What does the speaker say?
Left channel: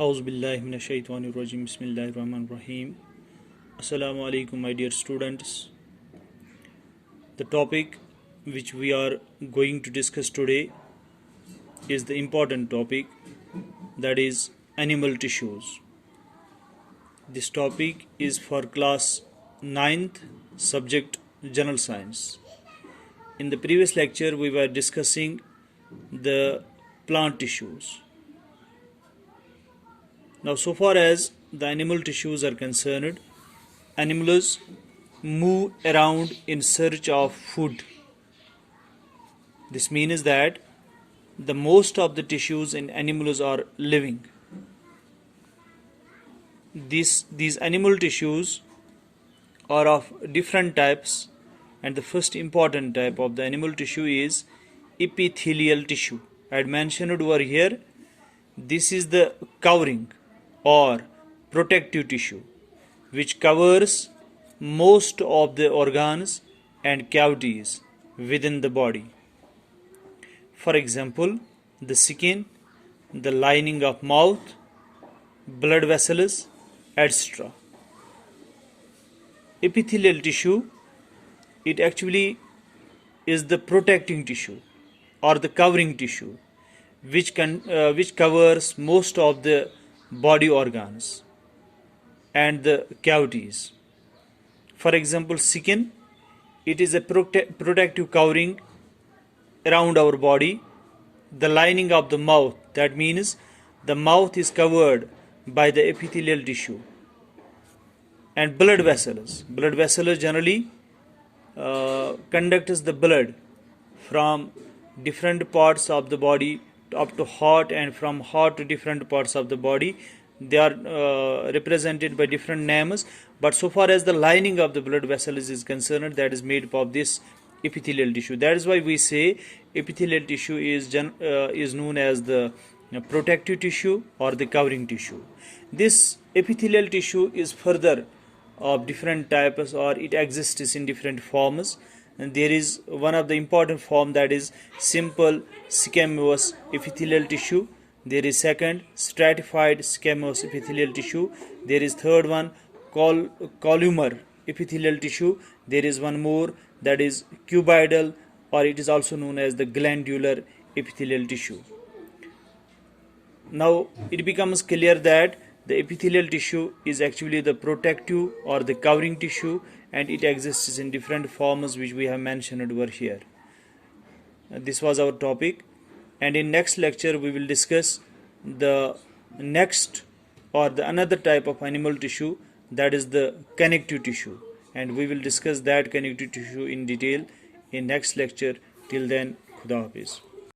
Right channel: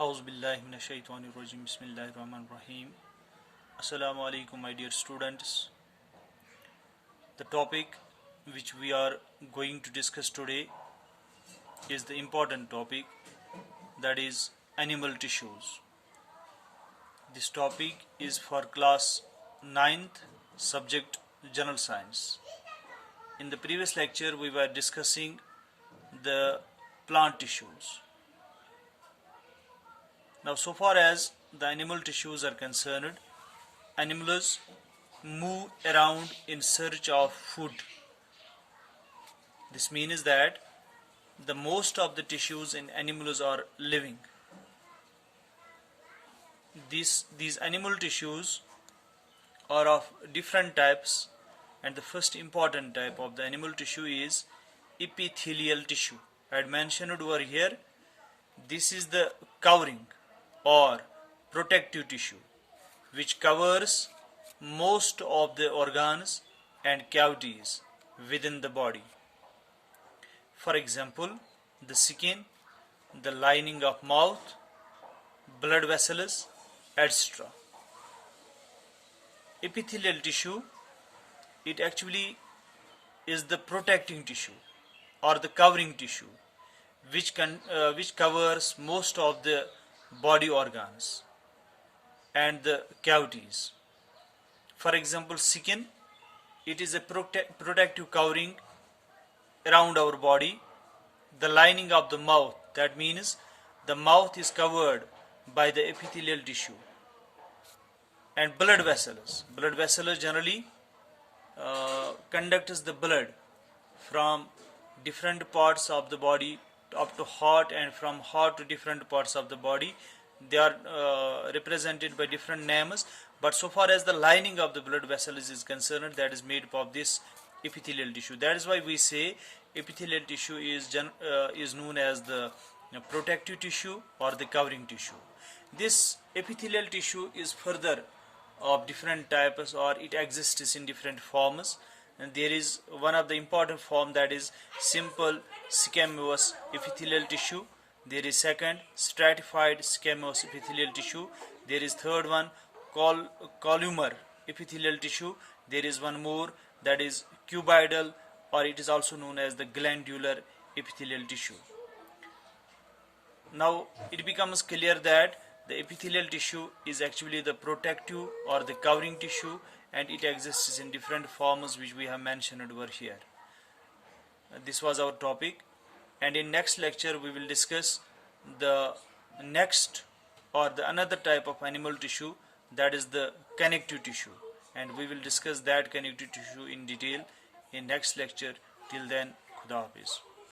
Auzubillahiminash-shaytanir-rajim. Bismillahir-rahmanir-rahim. Assalamu alaikum, my dear students. The topic which we are going to discuss today is the important topic, that is animal tissues. This topic is for class 9th, subject General Science. In the previous lecture we were discussing the plant tissues. Now, so far as the animal tissues are concerned, animals move around in search of food. This means that the most of the tissues in animals are living. These animal tissues are of different types, and the first important type of the animal tissue is epithelial tissue. I had mentioned over here, this is the covering or protective tissue which covers most of the organs and cavities within the body. For example, the skin, the lining of mouth, blood vessels, etc. Epithelial tissue, it actually is the protecting tissue or the covering tissue which covers most of the body organs and the cavities. For example, skin, it is a protective covering around our body. The lining of the mouth, that means the mouth is covered by the epithelial tissue. And blood vessels generally conducts the blood from different parts of the body up to heart, and from heart to different parts of the body. They are represented by different names, but so far as the lining of the blood vessels is concerned, that is made up of this epithelial tissue. That is why we say epithelial tissue is known as the protective tissue or the covering tissue. This epithelial tissue is further of different types, or it exists in different forms. And there is one of the important form, that is simple squamous epithelial tissue. There is second, stratified squamous epithelial tissue. There is third one, columnar epithelial tissue. There is one more, that is cuboidal, or it is also known as the glandular epithelial tissue. Now it becomes clear that the epithelial tissue is actually the protective or the covering tissue, and it exists in different forms which we have mentioned over here. This was our topic, and in next lecture we will discuss the next or the another type of animal tissue, that is the connective tissue, and we will discuss that connective tissue in detail in next lecture. Till then, Khuda Hafiz.